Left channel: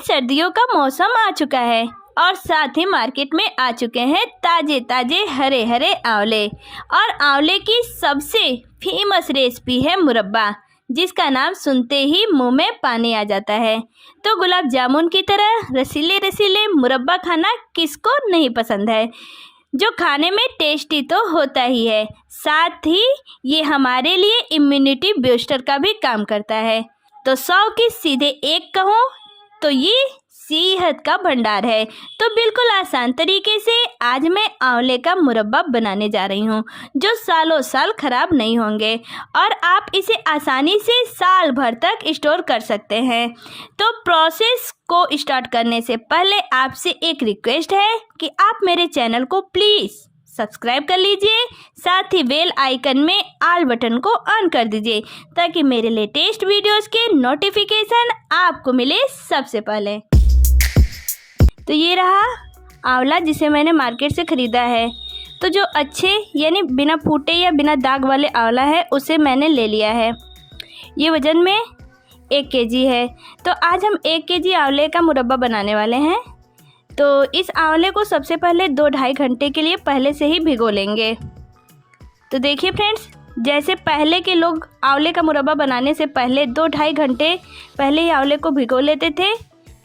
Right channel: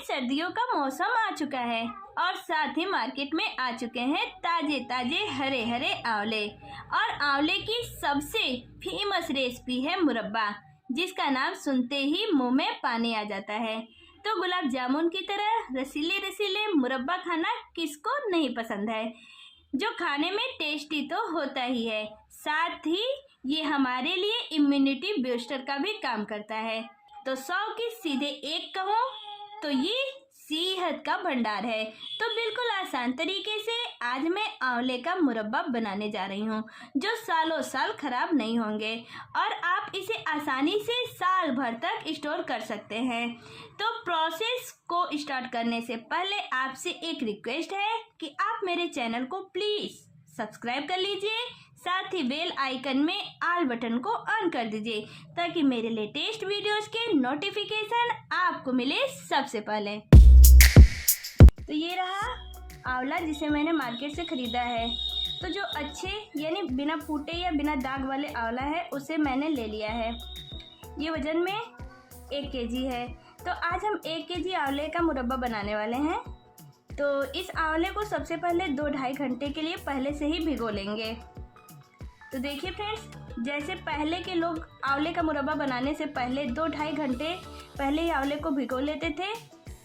सर्दियों का मौसम आ चुका है और साथ ही मार्केट में आ चुके हैं ताजे ताजे हरे हरे आंवले। और आंवले की सबसे फेमस रेसिपी है मुरब्बा, जिसका नाम सुनते ही मुंह में पानी आ जाता है। तो गुलाब जामुन की तरह रसीले रसीले मुरब्बा खाना किसको नहीं पसंद है, जो खाने में टेस्टी तो होता ही है, साथ ही ये हमारे लिए इम्यूनिटी बूस्टर का भी काम करता है। तो 100 की सीधे एक कहूँ तो ये सेहत का भंडार है। तो बिल्कुल आसान तरीके से आज मैं आंवले का मुरब्बा बनाने जा रही हूँ, जो सालों साल खराब नहीं होंगे और आप इसे आसानी से साल भर तक स्टोर कर सकते हैं। तो प्रोसेस को स्टार्ट करने से पहले आपसे एक रिक्वेस्ट है कि आप मेरे चैनल को प्लीज़ सब्सक्राइब कर लीजिए, साथ ही बेल आइकन में ऑल बटन को ऑन कर दीजिए ताकि मेरे लेटेस्ट वीडियोस के नोटिफिकेशन आपको मिले सबसे पहले। तो ये रहा आंवला जिसे मैंने मार्केट से ख़रीदा है। तो जो अच्छे यानी बिना फूटे या बिना दाग वाले आंवला है उसे मैंने ले लिया है। ये वज़न में 1 केजी है। तो आज हम 1 केजी आंवले का मुरब्बा बनाने वाले हैं। तो इस आंवले को सबसे पहले 2-2.5 घंटे के लिए पहले से ही भिगो लेंगे। तो देखिए फ्रेंड्स, जैसे पहले के लोग आंवले का मुरब्बा बनाने से पहले 2-2.5 घंटे पहले ही आंवले को भिगो लेते थे,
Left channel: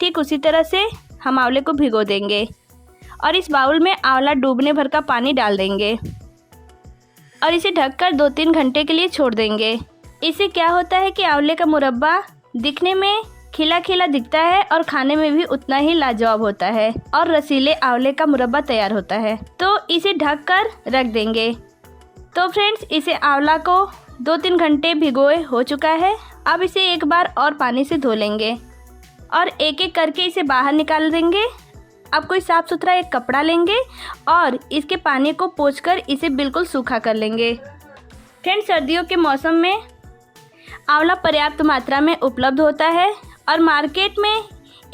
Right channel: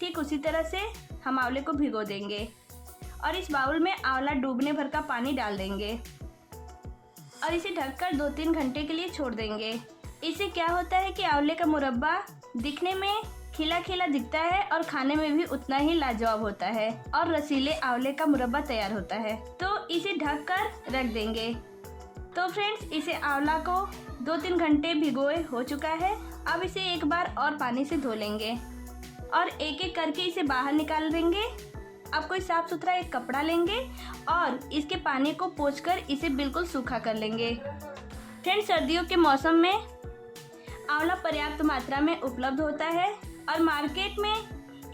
ठीक उसी तरह से हम आंवले को भिगो देंगे और इस बाउल में आंवला डूबने भर का पानी डाल देंगे और इसे ढककर 2-3 घंटे के लिए छोड़ देंगे। इससे क्या होता है कि आंवले का मुरब्बा दिखने में खिला खिला दिखता है और खाने में भी उतना ही लाजवाब होता है और रसीले आंवले का मुरब्बा तैयार होता है। तो इसे ढक कर रख देंगे। तो फ्रेंड्स, इसे आंवला को 2-3 घंटे भिगोए हो चुका है। अब इसे एक बार और पानी से धो लेंगे और एक एक करके इसे बाहर निकाल देंगे। अब कोई साफ़ सुथरा एक कपड़ा लेंगे और इसके पानी को पोंछकर इसे बिल्कुल सूखा कर लेंगे। फ्रेंड्स, सर्दियों के मौसम में आंवला पर्याप्त मात्रा में उपलब्ध होता है और मार्केट में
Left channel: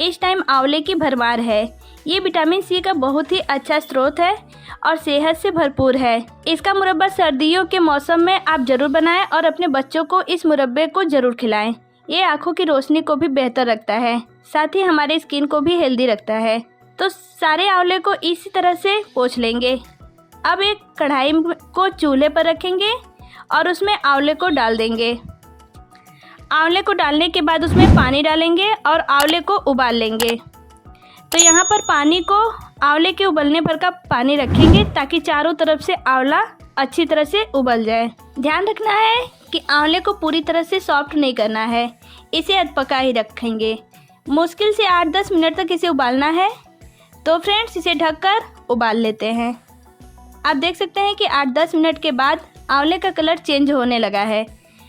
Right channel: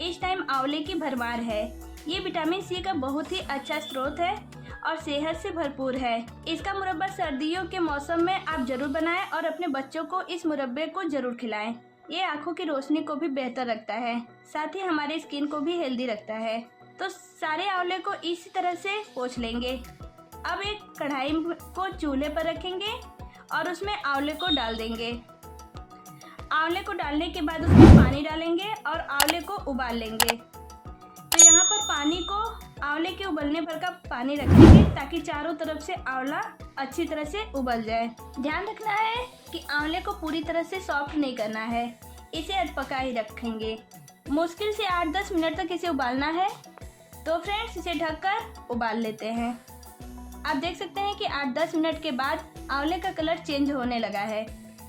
इस टाइम आंवले की भरमार है। ये विटामिन सी का बहुत ही अच्छा स्रोत है और सेहत से भरपूर है। इसका मुरब्बा सर्दियों के मौसम में आप ज़रूर बनाएं और अपने बच्चों को इस मुरब्बे को ज़रूर खिलाएं। ये आँखों की रोशनी को भी बेहतर रखता है, साथ ही हमारे स्किन को भी हेल्दी रखता है। तो सारे आंवले को इसी तरह से पोंछ लेंगे। अब एक कढ़ाई को चूल्हे पर रखेंगे और उसमें आंवले को डाल देंगे। आंवले को डालने के बाद उसमें पानी डालेंगे और आंवले को उबाल लेंगे। तो यहाँ पर पानी को आंवले के उबलने भर का पानी रखेंगे ताकि चारों तरफ से आंवला अच्छी तरह से उबल जाए। ध्यान रखना है कि आंवले को पूरी तरह से सॉफ्ट नहीं करना है, इसे अधपका ही रखेंगे। मुश्किल से 8-10 मिनट तक इसे उबालना है। तो फ्रेंड्स, इसे ढककर उबाल लेते हैं। आप देख सकते हैं कि 8-10 मिनट के बाद आंवले का कलर चेंज होने लगा है।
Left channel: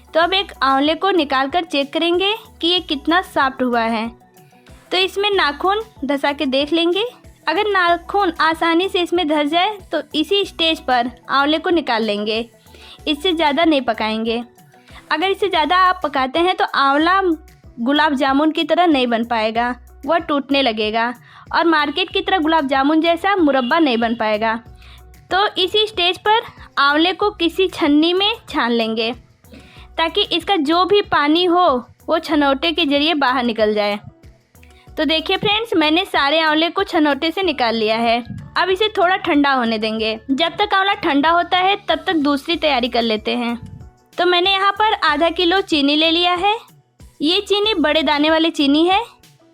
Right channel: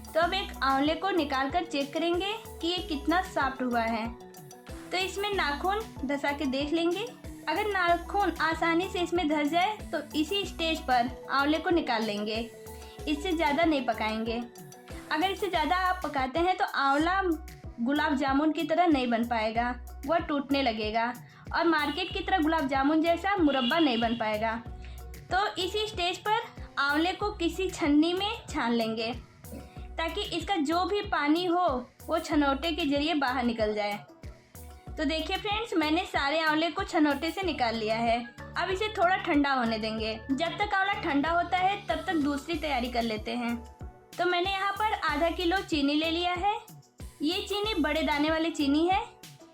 तो अब एक आंवले को निकाल कर चेक करेंगे कि ये कितना सॉफ्ट हुआ है। तो इसमें नाखून धंसा के देख लेंगे। अगर नाखून आसानी से इसमें धंस जाए तो इसी स्टेज पर आंवले को निकाल लेंगे। इससे ज़्यादा नहीं पकाएंगे। अगर इससे ज़्यादा आप पकाते हैं तो आंवला गुलाब जामुन की तरह नहीं बन पाएगा, वह टूटने लगेगा और मार्केट की तरह गुलाब जामुन जैसा मुरब्बा नहीं बन पाएगा। तो इसी स्टेज पर आंवले को किसी छन्नी में छान लेंगे ताकि इसका जो भी पानी हो वो छनौटे के ज़रिए बाहर निकल जाए। तो देखिए फ्रेंड्स, मैंने सारे आंवले को छनौटे से निकाल लिया है। अब इसे थोड़ा ठंडा होने देंगे। जब तक आंवला ठंडा होता है तब तक दूसरी तैयारी कर लेते हैं। तो मैंने यहाँ पर आधा किलो चीनी ले लिया है। ये चीनी बड़े दाने वाली चीनी है।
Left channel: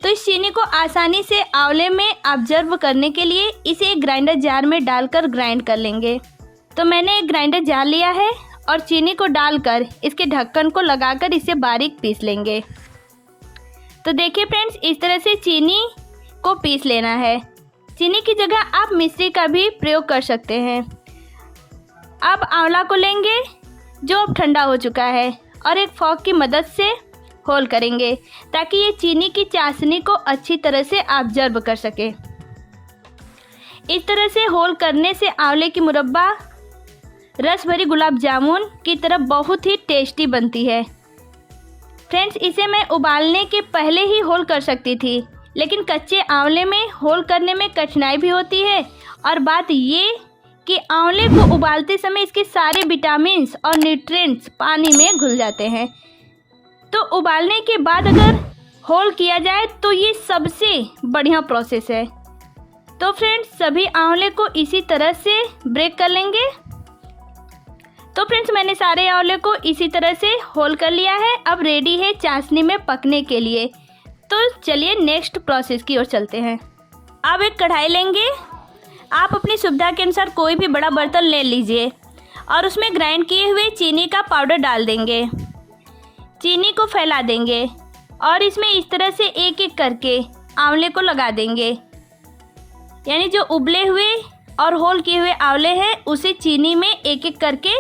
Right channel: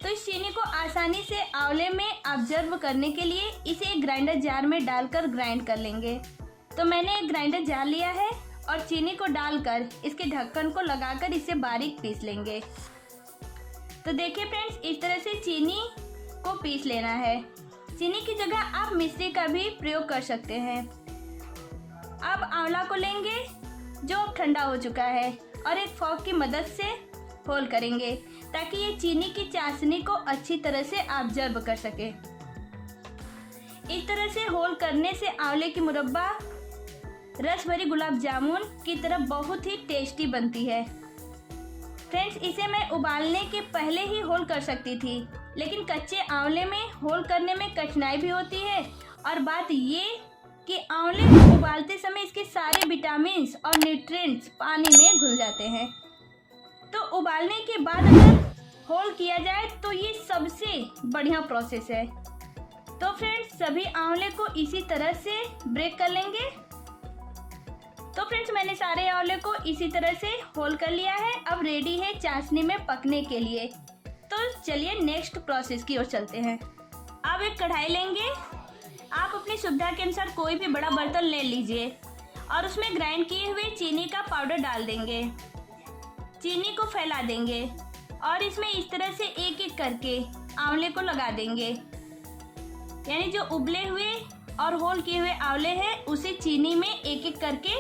तो इस चीनी को आसानी से आंवले में ऑब्जर्व करने के लिए इसे एक ग्राइंडर जार में डालकर ग्राइंड कर लेंगे। तो मैंने एक ग्राइंडर जार लिया है और चीनी को डालकर इसके ढक्कन को लगाकर इसे बारीक पीस लेंगे। तो देखिए फ्रेंड्स, इस तरह से चीनी को पीस लेना है। चीनी की जगह आप मिश्री का भी प्रयोग कर सकते हैं। अब आंवला को लेंगे जो अब ठंडा हो चुका है और एक फॉक की मदद से होल करेंगे ताकि ये चीनी की चाशनी को अच्छी तरह से ऑब्जर्व कर सके। इस तरह से होल करने से आंवले की मुरब्बा रस भरी गुलाब जामुन की तरह बहुत ही टेस्टी बनती है। फ्रेंड्स, इसे मैं उबालने के पहले ही होल कर सकती थी, लेकिन कच्चे आंवले में होल करने में कठिनाई भी होती है और बात ये कि आंवले को उबालते समय इसके सारे विटामिन्स और न्यूट्रिएंट्स पानी में घुल जाते हैं। तो उबालने के बाद अगर होल किया जाए तो ये सबसे बढ़िया प्रोसेस है। तो फ्रेंड्स सभी आंवले को इसी तरह से ब्रेक कर लेंगे। तो फ्रेंड्स मैंने सारे आंवले को इसी तरह से होल कर लिया है। अब रेडी है चाशनी में पकने के लिए। तो चलिए नेक्स्ट प्रोसेस की ओर चलते हैं। अब एक कढ़ाई लेंगे। आप अपनी सुविधा के अनुसार कोई भी बड़ा बर्तन ले लीजिए और उसमें ग्राइंड किए हुए चीनी का पाउडर डाल देंगे। चीनी को फैला देंगे और इसमें इस तरह से एक एक करके आंवले को लगा देंगे। यानी जो उबले हुए और होल किए हुए आंवले हैं उसे चीनी में एक एक करके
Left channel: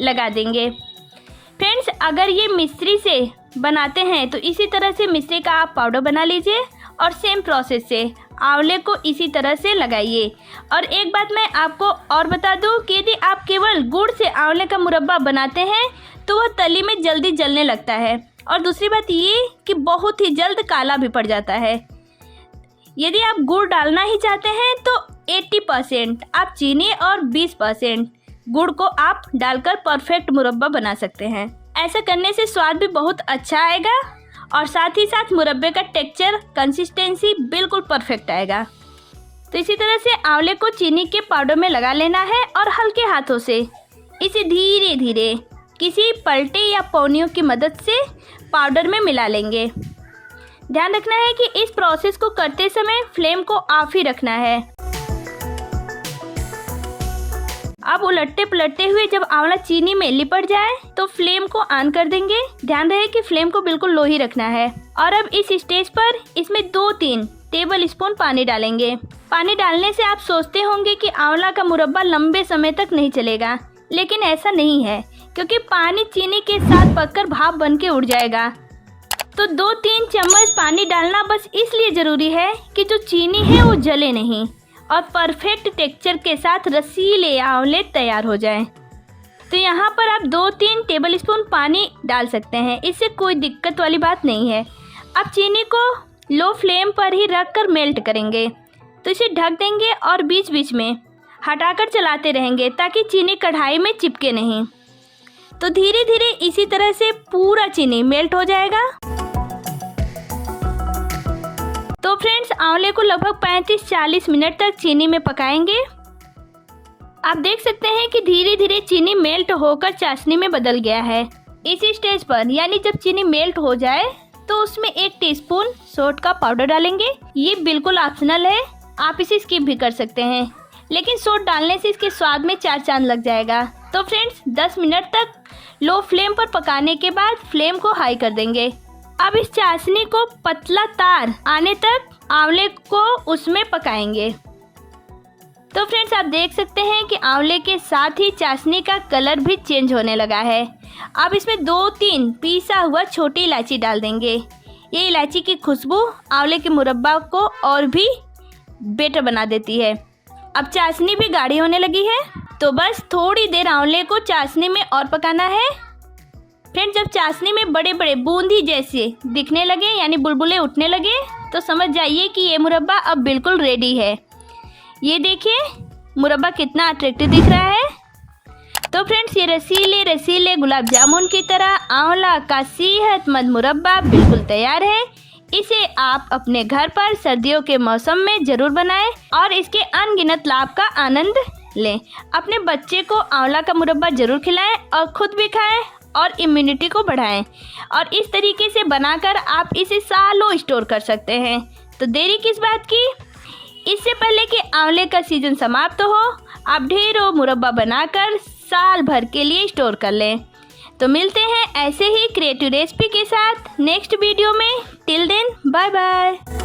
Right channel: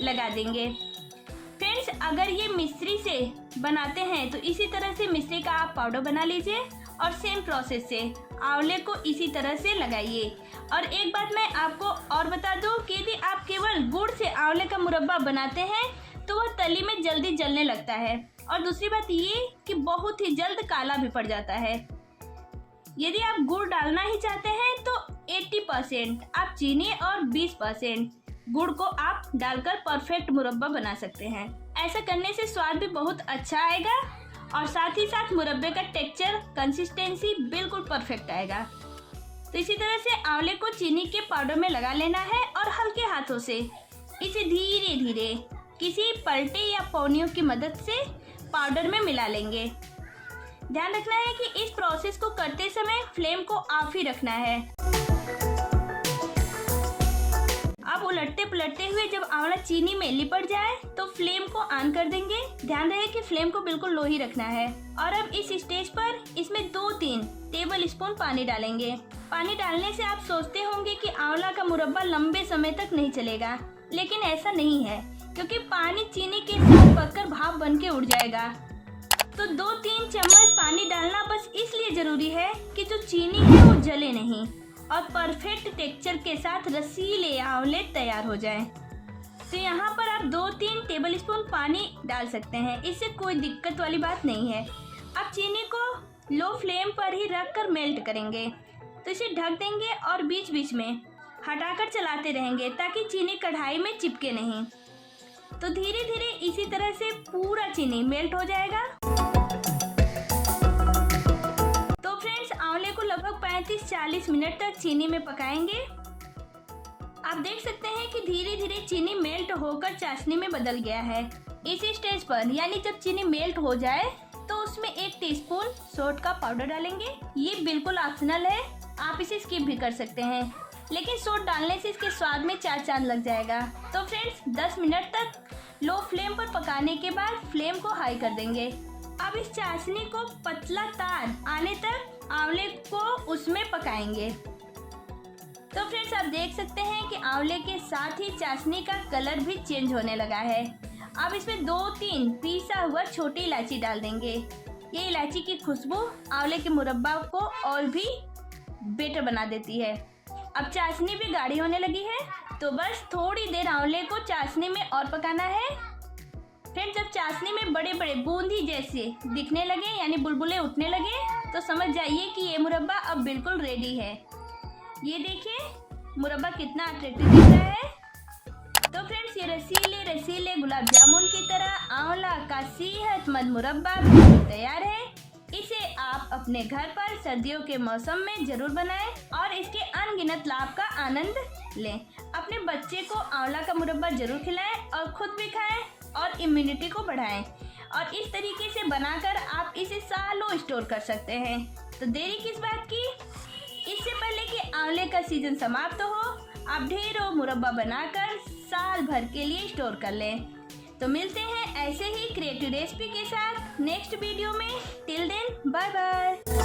लगा देंगे। फ्रेंड्स अगर ये मिश्री से बनाते हैं तो इसी तरह से मिश्री का आप पाउडर बना लीजिए और सेम प्रोसेस से आंवले को इसी तरह से लगाइए। और एक बात मैं आपको और बता दूं कि यदि आप केवल गुड़ से आंवले का मुरब्बा बनाते हैं तो वह तली में जल्दी जलने लगता है और दूसरी बात ये कि बहुत ही जल्द काला भी पड़ जाता है। यदि आप गुड़ डालना ही चाहते हैं तो 80% आप चीनी और 20% गुड़ को आप डालकर परफेक्ट मुरब्बा बना सकते हैं। ऐसा करने से स्वाद भी बहुत अच्छा आएगा और साथ ही साथ मुरब्बे का टेक्सचर कंसिस्टेंसी बिल्कुल परफेक्ट आएगा। तो इसी तरह से आंवले को चीनी के पाउडर में लगा लेना है और हल्के हाथों से इसे धीरे धीरे किसी पलटे या पौनियों की मदद से पाउडर में मिला लेंगे। ध्यान रखना है कि इस प्रोसेस को करते समय फ्लेम को ऑफ ही रखना है। अब उलटते पलटते हुए जब आंवला चीनी में लिपट जाए तो फ्लेम को ऑन कर देंगे। ध्यान रहे कि फ्लेम को बिल्कुल लो ही रखना है। और अब इस स्टेज पर इसमें 2-3 टेबल स्पून पानी डालेंगे। पानी डालने से आप सोचते होंगे कि आंवला का मुरब्बा लंबे समय तक नहीं चलेगा, लेकिन ऐसा नहीं है क्योंकि पानी चीनी के साथ पककर भाप बन के उड़ जाएगा। तो 2-3 चम्मच पानी डालना बस इसलिए ज़रूरी है कि जो चीनी है वो जले नहीं और परफेक्ट टेक्सचर के साथ रसीले आंवले तैयार हो जाएं। तो यहाँ पर आप 2-3 टेबल स्पून पानी डाल सकते हैं, इससे कोई दिक्कत वाली बात नहीं है। अब चीनी को लो फ्लेम पर ही रखकर मेल्ट करेंगे। तो इसे ढक देंगे और बीच बीच में हटाकर चलाते रहेंगे ताकि चीनी कढ़ाई में चिपके नहीं। तो धीरे धीरे इसी तरह से पूरा चीनी मेल्ट हो जाएगा। तो फ्रेंड्स आंवले को लगभग 35-40 मिनट तक चीनी में पकाएंगे। आप देख सकते हैं कि धीरे धीरे चीनी मेल्ट होकर चाशनी में बदल गया है। इसी स्टेज पर यानी जब चीनी मेल्ट हो जाए तो उसमें 1 टीस्पून सोंठ का पाउडर डालेंगे। ये बिल्कुल ऑप्शनल है, आप इसे स्किप भी कर सकते हैं, लेकिन सोंठ डालने से इसके स्वाद में 4 चांद लग जाएगा। तो फ्रेंड्स 10 मिनट तक लो फ्लेम पर पकाने के बाद फ्लेम को हाई कर देंगे। अब इस चाशनी को पतला तार आने तक आंवले को उसमें पकाएंगे। तो फ्रेंड्स आप देख सकते हैं कि आंवले के साथ ही चाशनी का कलर भी चेंज होने लगा है। अब इसमें 2-3 पीसा हुआ छोटी इलायची डाल देंगे। ये इलायची की खुशबू आंवले के मुरब्बा को और भी बेटर बना देती है। अब चाशनी भी गाढ़ी होने लगी है, तो बस थोड़ी देर आंवले को चाशनी में और पकाना है। फ्रेंड्स जब चाशनी में बड़े बड़े बूंदी जैसे दिखने लगे यानी बुलबुले उठने लगे तो समझ जाइए कि ये मुरब्बा अब बिल्कुल रेडी है। ये देखिए मुरब्बा कितना अट्रैक्टिव दिख रहा है। तो फ्रेंड्स ये रसीले रसीले गुलाब जामुन की तरह आंवला का सेहतमंद मुरब्बा बिल्कुल तैयार है। इसे आप अपने घर पर सर्दियों के मौसम में ज़रूर बनाएं और इसके अनगिनत लाभ का आनंद लें। अपने बच्चे को आंवला का मुरब्बा ज़रूर खिलाएं और खुद भी खाएं और इम्यूनिटी को बढ़ाएं। और इस तरीके से बनाकर आप इसे सालों स्टोर कर सकते हैं। तो देरी किस बात की, इससे पहले कि आंवले का सीजन समाप्त हो आप ढेरों मुरब्बा बनाकर साल भर के लिए स्टोर कर लें। तो मिलते हैं ऐसे ही क्रिएटिव रेसिपी के साथ नेक्स्ट वीडियो में। Till then bye bye.